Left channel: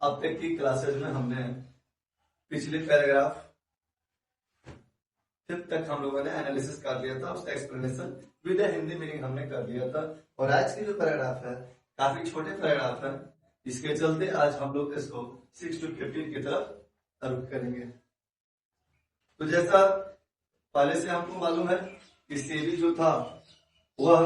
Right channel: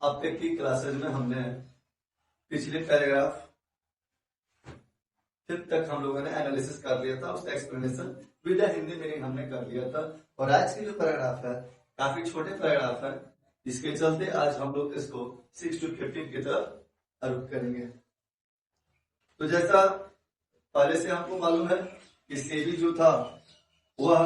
अब तक की क्लासेज में हमने पिछले पैराग्राफ 5th तक हम लोगों ने एनालिसिस कर लिया था, उसका एक्सप्लेनेशन विद हिंदी मीनिंग हमने कर लिया था। और आज की जो पैराग्राफ है काफी छोटे पैराग्राफ है, इसके चलते आज हम लोग इसको 6 to 15 की तरफ रुख करेंगे। तो जैसा पहले से हमको मालूम है कि सेबी जो था वह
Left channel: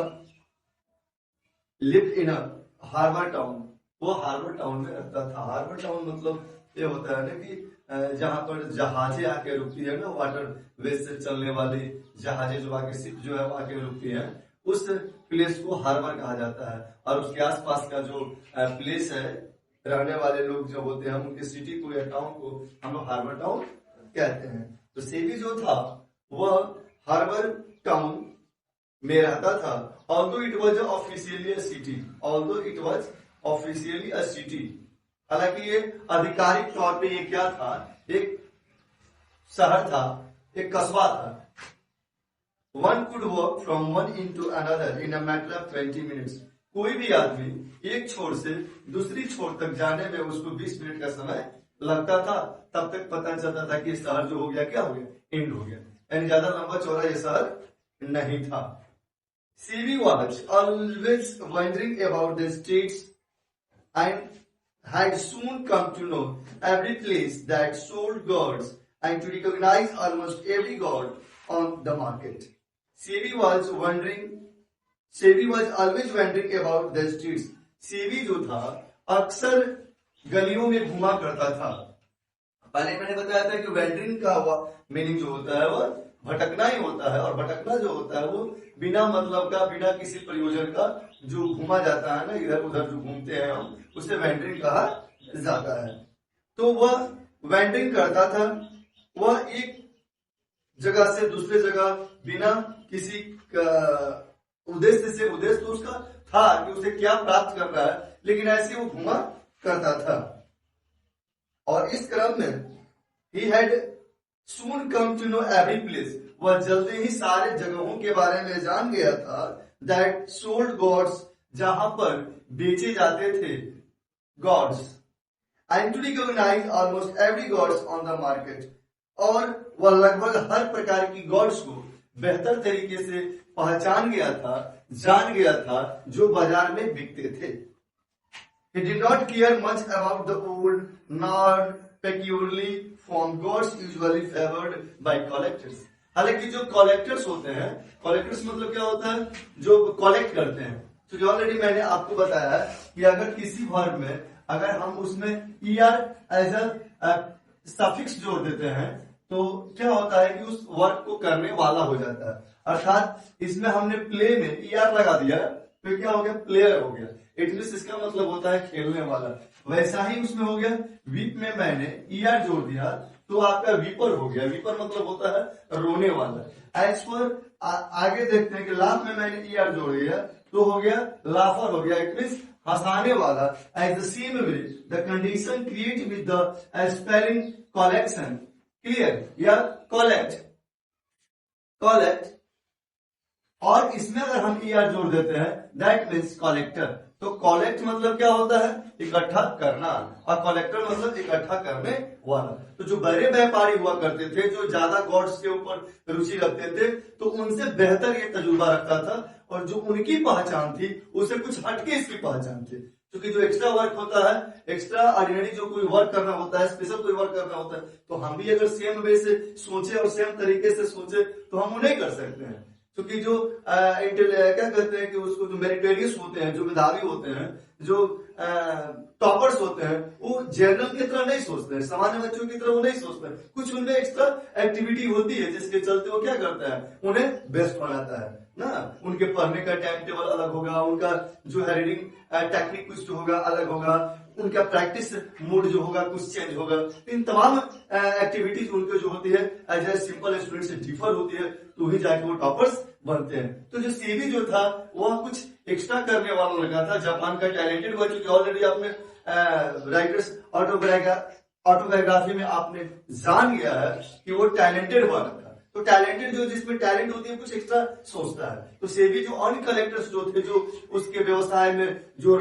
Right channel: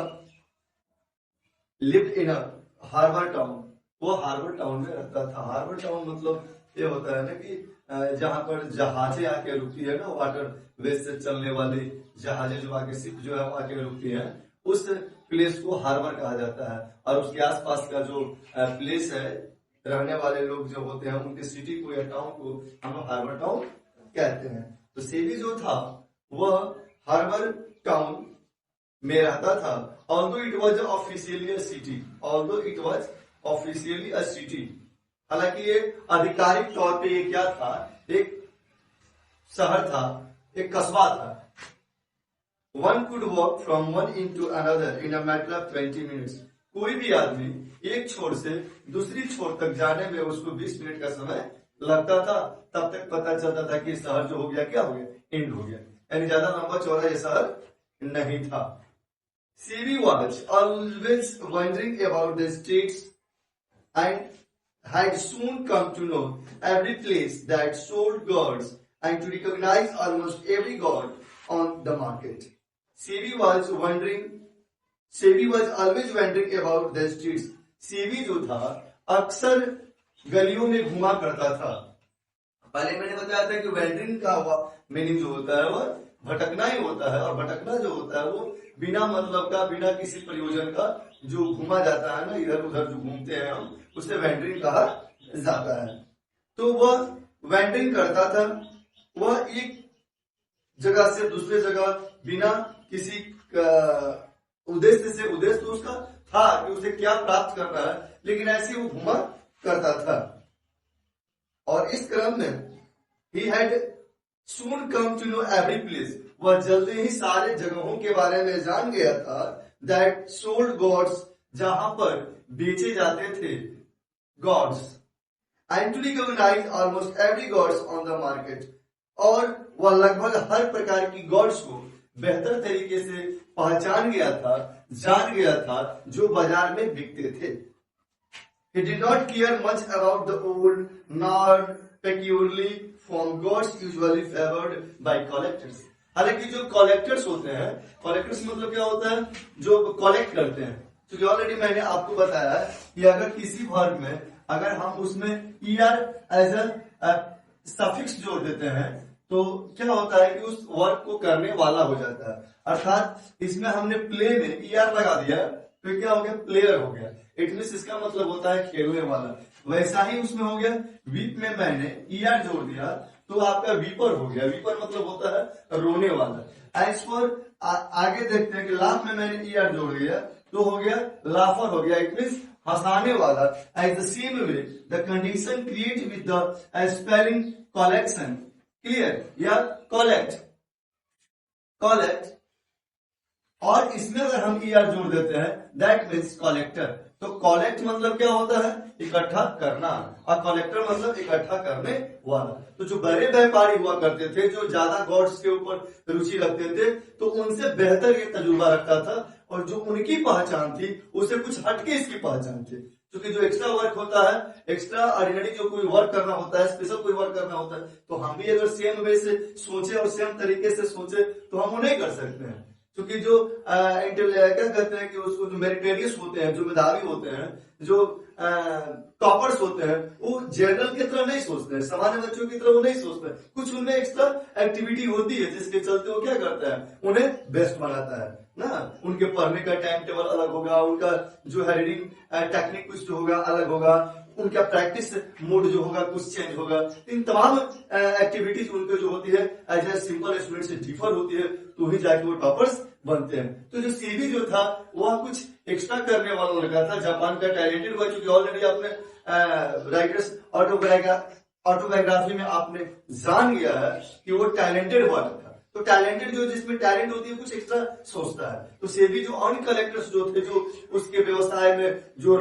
lived in a harbour town, वो हार्बर टाउन में रहता था। हार्बर टाउन मतलब ये होता है ना कि जहां पर जहाजें आके रुकती है ना, वाटर वे से चलने वाली जहाजें जो आके शिप जो है आके रुकती है, उस प्लेस को हार्बर कहा जाता है। और उसके आसपास का जो प्लेस है, रहने वाले लोग जो होते हैं उनके सिटी को या टाउन को हम लोग हार्बर टाउन कहते हैं। तो सेबी जो था वह हार्बर टाउन में रहता था। Although it was officially a city, although it was officially a city, हालांकि ये आधिकारिक तौर पे ये क्या था, एक शहर था, एक कस्बा था। One could walk from one into another in a matter of 20 minutes. कोई भी आदमी एक छोर से दूसरी छोर तक जाने में उसको 20 मिनट का समय लगता था। तब तक पता चलता था कि शहर जो हो गया क्या हो गया, एंड हो गया, यानी ज्यादा लंबा चौड़ा ये शहर नहीं था। CB was always wondering about the streets and had soon come to know every place that sold gods and to recognize almost every god on the market. CB was always wondering about the streets. CB जो था अक्सर गलियों में घुमा करता था। पहले मैंने बताया था कि वेंडरिंग का मीनिंग जो होता है वह भटकना ही होता है, और भटकना जो होता है वो बिना मतलब का, बिना किसी प्रयोजन का जो घूमा जाता है ना, इधर उधर जो घूमते हैं हम, उसे वेंडरिंग कहा जाता है। तो वह वेंडरिंग करता था, वह एक जगह से दूसरे जगह बिना किसी उद्देश्य से, उद्देश्य तो उसका था कि उसे क्या प्राप्त करना है, लेकिन ऐसे वो घुमा करता था। और इस क्रम में he had soon come to know every place, वह जल्दी ही सारे जगहों के बारे में जान गया था। that sold gods, जहां पर बेचे जाते थे gods, and to recognize almost every gods on the market, और वह लगभग हर प्रकार की गॉड्स को बेहतर तरीके से पहचान गया था, जान गया था, जो बाजार में बिकते थे। He did not care much about the old nor peculiarly formed gods usually favored by collectors. हालांकि जो कलेक्टर्स होते हैं, कलेक्टर्स मतलब क्या होता है, जो कलेक्ट करते हैं। तो जो ऑलरेडी मैंने आपको बताया है कि अगर किसी वर्ड में अगर हम उसमें er एज अ सफिक्स जोड़ देते हैं तो क्या होता है कि उस वर्क को करने वाला हो जाता है। अर्थात इसमें हमने प्ले में er लगा दिया तो क्या हो गया, प्लेयर हो गया। इट मीन्स इसका मतलब होता है खेलने वाला। वैसा ही उसमें हो गया, वीप में मैंने er जोड़ दिया तो आपका वीपर हो गया। वीपर मतलब होता है रोने वाला। एज पर आगे देखते हैं कि लाफ में मैंने er जोड़ दिया तो हो गया लाफर हो गया, इट मीन्स हंसाने वाला। As the same way the condition create with the spelling collection, clear, या कलेक्ट, कलेक्ट, और इसमें अगर हम er जोड़ देते हैं दैट मीन्स कलेक्टर। तो कलेक्ट मतलब क्या होता है, इकट्ठा करना, और कलेक्टर मतलब इकट्ठा करने वाला। तो जो बड़े व्यापारी हुआ करते थे, जो ज्यादा गॉड्स के ऊपर रुचि रखते थे, तो उनसे बेहतर ये तजुर्बा रखता था, और जो उनकी पहचान थी उससे कुछ हटके इसकी पहचान थी। क्योंकि जो एक्स्ट्रा वर्क होता है, एक्स्ट्रा ऑर्डिनरी जो कोई वर्क करना होता है, स्पेशल कोई वर्क करना होता है, तो हम भी अगर सेम वे से सोचे और सेम तरीके से सोचे तो हम वो नहीं कर सकते हैं। क्योंकि जो क्या कहते हैं कि उसको जो मेरिटोरियस होते हैं, जो मेधावी होते हैं, जो टॉपर्स होते हैं, वो जनरल की तरह नहीं सोचते हैं, सामान्य बच्चों की तरह वो नहीं सोचते हैं। कुछ उनमें एक्स्ट्रा एक्टिविटी होती है जिसके चलते वो क्या करता है, उन्हें बेस्ट बनाता है ना। उनके पढ़ने का टाइम टेबल अलग होगा, उनका जो है रीडिंग टेक्निक कुछ जो होगा अलग होगा, उनका प्रैक्टिस मूड जो होगा कुछ चेंज होगा। इन तमाम एक्टिविटीज उनको जो होती है एज ए सिंपल स्टूडेंट से डिफर होती है, तो ही जाके वो टॉपर्स बनते हैं। तो जो सीबी जो था वह कुछ एक्स्ट्रा करने वाला लगा था, जापान का टैलेंटेड हुआ। चूंकि ऑलरेडी आपने राइटर्स ऑटोबायोग्राफी में आपने जान गया है कि वो टैलेंटेड हुआ था, तो टैलेंटेड जो जिसमें टैलेंट होती है कुछ एक्स्ट्रा सोचता है। तो सेबी जो अर्न कलेक्टर्स जो थे, जो उसके व्यवसाय में जो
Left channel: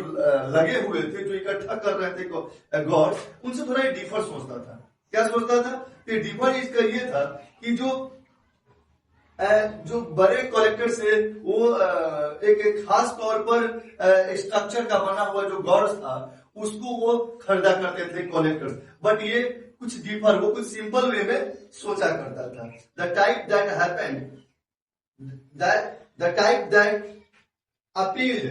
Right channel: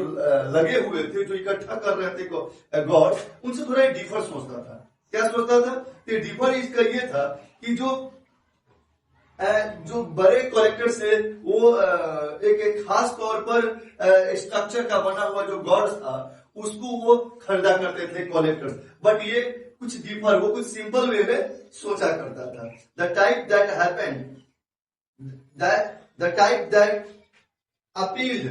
लगे हुए थे, जो इकट्ठा कर रहे थे गॉड, उनसे थोड़ा डिफर सोचता था। क्या सोचता था? तो डिफर इसका ये था कि जो बड़े कलेक्टर्स है वो एक खास तौर पर स्ट्रक्चर का बना हुआ जो गॉड था उसको वो खरीदा करते थे कलेक्टर्स, बट ये कुछ डीपर, वो कुछ सिंपल वे में सोचा करता था। The type that happened, the type that appealed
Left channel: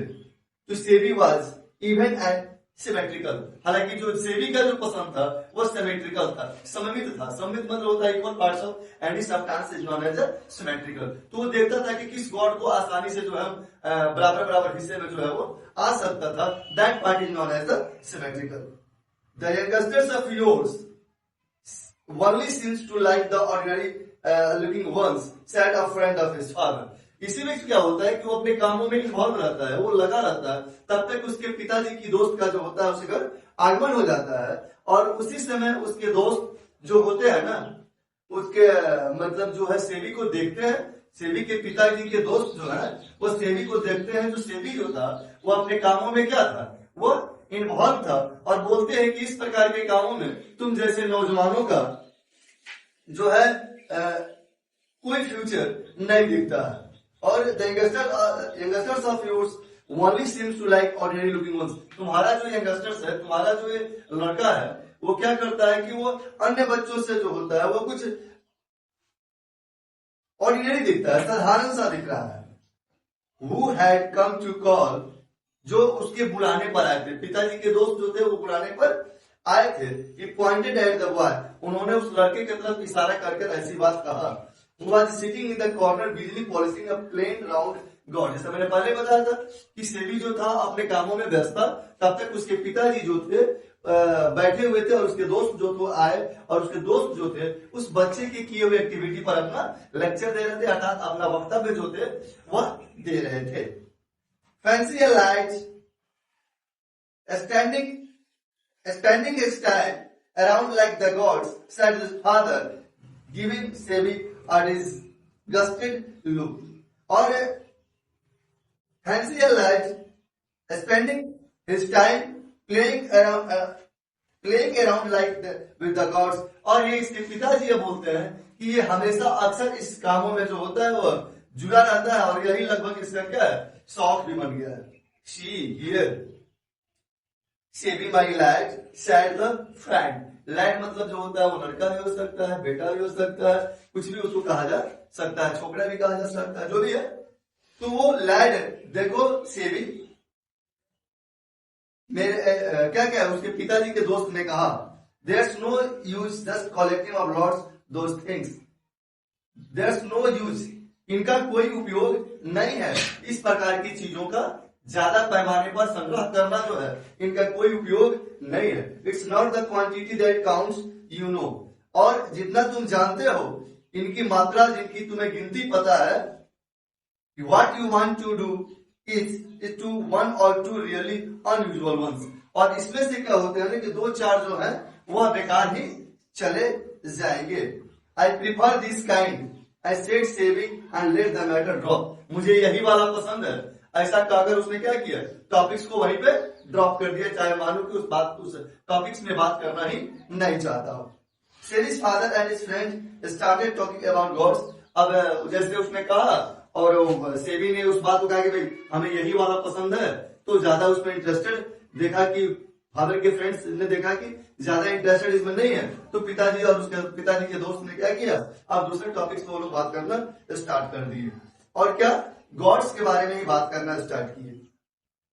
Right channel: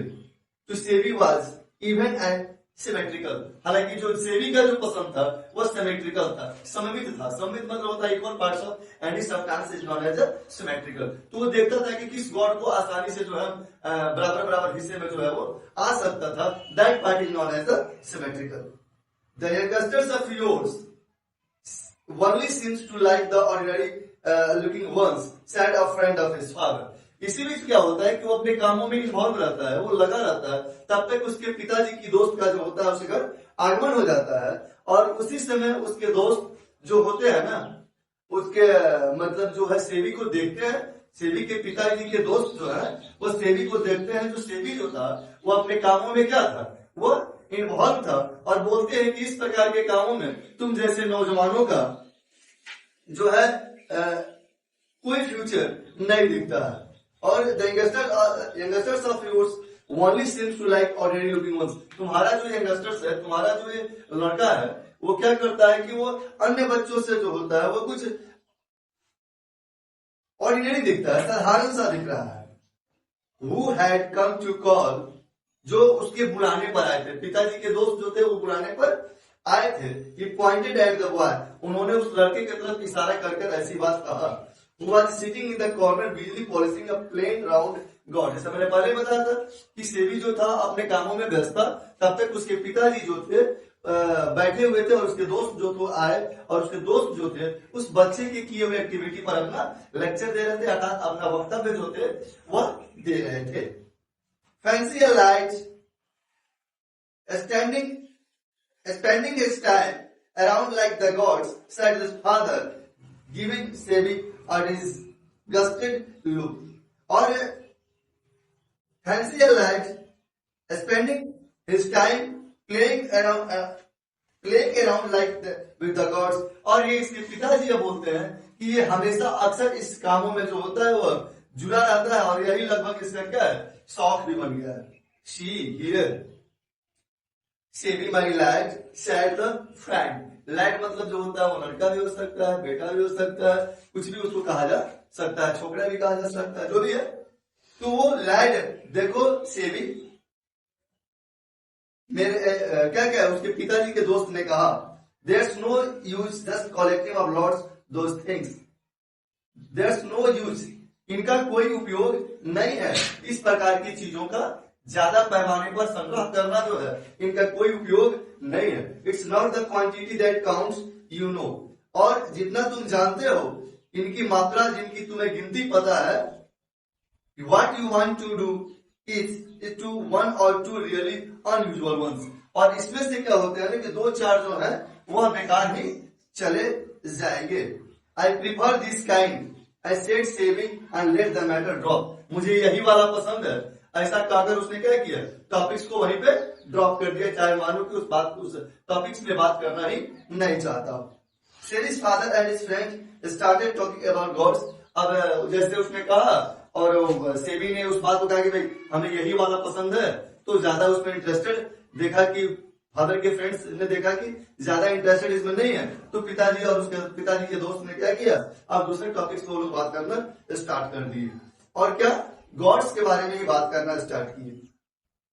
to Sebi was even and symmetrical. हालांकि जो सेबी का जो पसंद था वो सिमेट्रिकल था, सममित था। सममित मतलब होता है equal parts of any substance is known as symmetrical. तो वो देखता था कि किस गॉड को आसानी से जो है बराबर बराबर हिस्से में जो है वो आ सकता था। That part is known as symmetrical. The youngsters of yours only seems to like the ordinary looking ones, said a friend of his father. इसी बीच क्या होता है कि वो अपने कामों में इन्वॉल्व रहता है, वो लगा रहता है, तब तक उसके पिताजी की दोस्त का जो होता है उसके घर आगमन हो जाता है, और उसी समय उसके दोस्त जो होते हैं ना, उसके मतलब जो है सेबी को देखते हैं। सेबी के पिताजी के दोस्त जो है वो सेबी को देखते हैं। जो सेबी जो था वो अपने कामों में क्या था, वो इन्वॉल्व था, और बोलते हैं कि इस प्रकार के कामों में तुम जैसे नौजवानों का जो है कोई फ्यूचर नहीं दिखता है। और the youngsters of yours only seems to like ordinary looking ones. तुम्हारा जो यंगस्टर्स है, तुम्हारा जो ये लड़का है, वो क्या करता है कि वो अन्य बच्चों से जो होता है वो कुछ ऑर्डिनरी दिखता है, साधारण सा दिख रहा है। Who had come to call, जो उसके बुलाने पर आए थे, पिताजी के दोस्त जो थे वो बुलाने पर आए थे। He pointed at the boy, उन्होंने उस लड़के की तरफ इशारा करके ऐसी बात कहा। Who was sitting in the corner busily polishing a plain round god। जैसे मैंने पहले बताया था कि सेबी जो था अपने कामों में व्यस्त था, तब तक उसके पिताजी जो थे बैठे हुए थे, और उसके दोस्त जो तो आए, और उसके दोस्त जो थे उस बच्चे के किए हुए एक्टिविटी पर अपना लेक्चर दे रहे थे, अर्थात अपना वक्तव्य जो थे वह दे रहे थे। Fancy lights spending his time around like the gods, said his father, giving Sebi a disgusted look. और fancy lives, spending his time playing around like with the gods। और ये इसके पिताजी ये बोलते हैं कि ये हमेशा अक्सर इस कामों में जो होता है वो जुड़ा रहता है, और यही लगभग इसका क्या है, शौक भी बन गया है। She here Sebi my lad, said the friend। Lad मतलब जो होता है वो लड़का भी हो सकता है, बेटा भी हो सकता है, कुछ भी उसको कहा जा सकता है, छोकरा भी कहा जा सकता है, जो भी है। तो वो लैड, देखो सेबी मेरे क्या क्या है, उसके पिताजी के दोस्त ने कहा, there's no use just collecting of lots those things। there's no use, इनका कोई उपयोग नहीं है, इस प्रकार की चीजों का ज्यादा पैमाने पर संग्रह करना जो है इनका कोई उपयोग नहीं है। It's not the quantity that counts, you know. और जितना तुम जानते हो, इनकी मात्रा जिनकी तुम्हें गिनती पता है। What you want to do is two one और टू रियली अनयूजुअल वंस। और इसमें से क्या होते हैं कि दो चार जो है वह बेकार ही चले जाएंगे। I prefer this kind, I said saving and let the matter drop. मुझे यही वाला पसंद है। ऐसा कहकर उसने क्या किया, टॉपिक्स को वहीं पे ड्रॉप कर दिया, चाहे मानो कि उस टॉपिक्स में बात करना ही नहीं चाहता। सेबी's father and his friend started talking about gods। अब जैसे उसने कहा और सेबी ने उस बात को कहा कि भाई हमें यही वाला पसंद है, तो ज्यादा उसमें इंटरेस्टेड देखा कि फादर के फ्रेंड्स ने देखा कि ज्यादा इंटरेस्टेड इसमें नहीं है, तो पिताजी और उसके पिताजी के दोस्त ने क्या किया, अब दूसरे टॉपिक्स को लोग बात करना स्टार्ट कर दिए, और क्या, गॉड्स के बारे में ही बात करना स्टार्ट किए।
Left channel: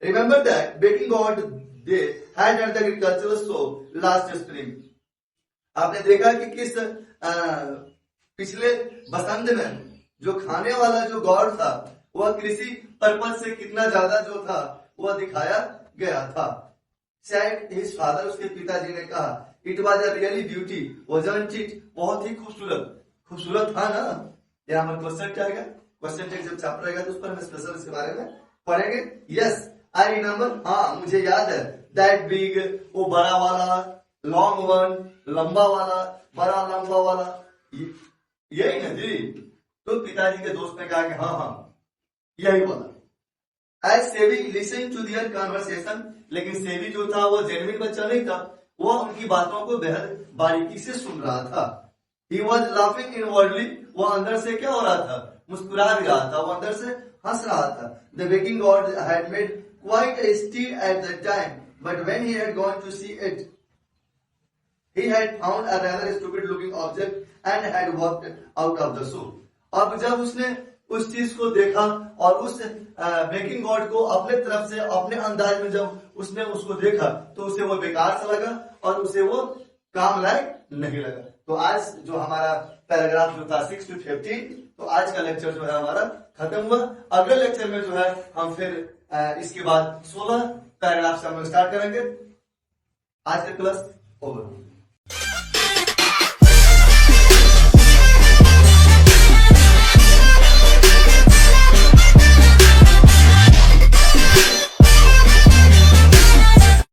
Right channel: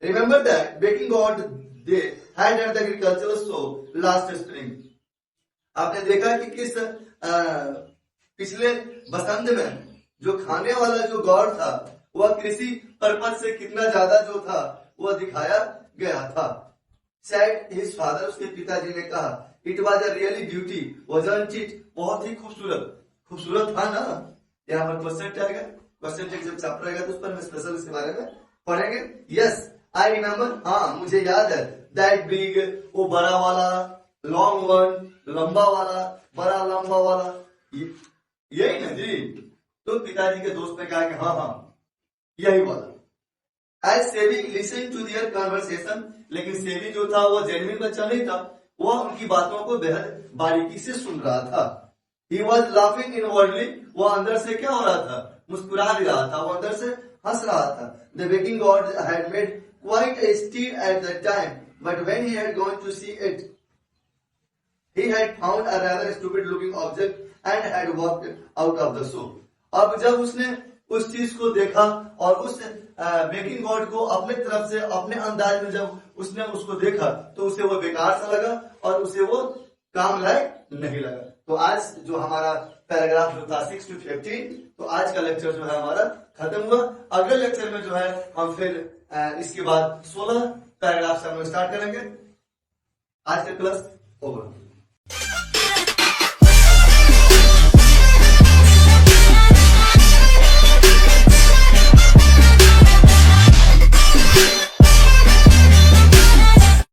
Remember that baking God they had at the agricultural show last spring. आपने देखा कि किस पिछले बसंत में जो खाने वाला जो गॉड था वह कृषि पर्पज से कितना ज्यादा जो था वह दिखाया गया था। सैड हिज फादर, उसके पिताजी ने कहा, it was a really beauty wasn't it, बहुत ही खूबसूरत, खूबसूरत था ना। यहाँ पर क्वेश्चन क्या आएगा, क्वेश्चन जब चैप्टर रहेगा तो उस पर स्पेशल इसके बारे में पढ़ेंगे। यस आई रिमेम्बर, हाँ मुझे याद है, दैट बिग, वो बड़ा वाला, लॉन्ग वन, लंबा वाला, बड़ा लंबा वाला, यही ना जी। तो पिताजी के दोस्त ने कहा कि हाँ हाँ यही बोला। एज सेवी लिसन टू दियर कन्वर्सेशन, लेकिन सेवी जो था वो जेन्युइन बच्चा नहीं था, वो उनकी बातों को बेहद बारीकी से सुन रहा था। He was laughing inwardly, वो अंदर से क्या हो रहा था, मुस्कुरा भी रहा था, वो अंदर से हंस रहा था। The waking god had made quite a stir at that time, but when he had gone to see it, he had found a rather stupid looking object and had walked out of the show. अब जब उसने उस चीज को देखा और उस baking God को अपने तरफ से अपने अंदाज में जब उसने उसको देखा तो उसे वो बेकार सा लगा और उसे वो काम लायक नहीं लगा। तो आज जो हमारा पैराग्राफ जो था 6 to 15, तो आज का लेक्चर जो है हमारा खत्म हुआ। अगले लेक्चर में जो है हम फिर इसके बाद 16 पैराग्राफ से हम लोग स्टार्ट करेंगे। आज का क्लास ओवर।